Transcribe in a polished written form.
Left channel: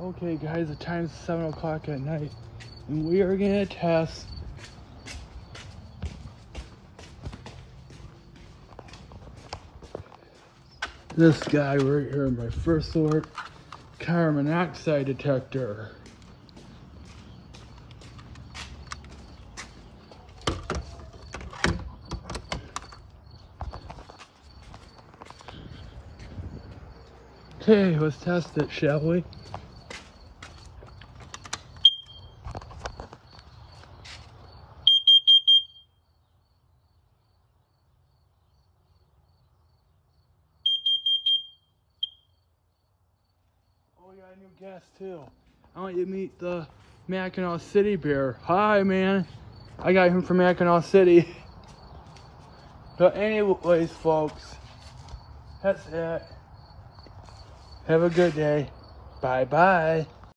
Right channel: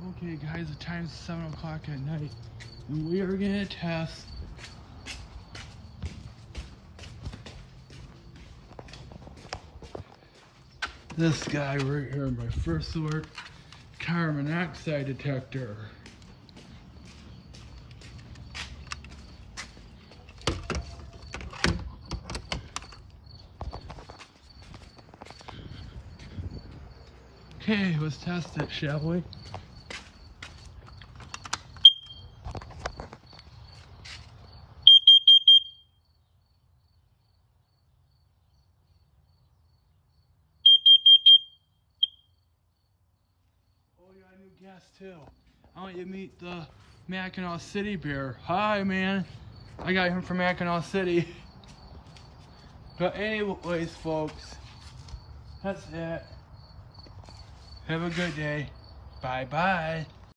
Okay guys, the time's 7 o'clock at night and we are gonna test this guy right here, my first sort carbon monoxide detector. Okay, let's test it, shall we? Oh yeah, I knew gas too. I want you to meet the Mackinac City Bear. Hi man, I got him from Mackinac City. But anyways folks, that's it. Have a good day. Bye bye.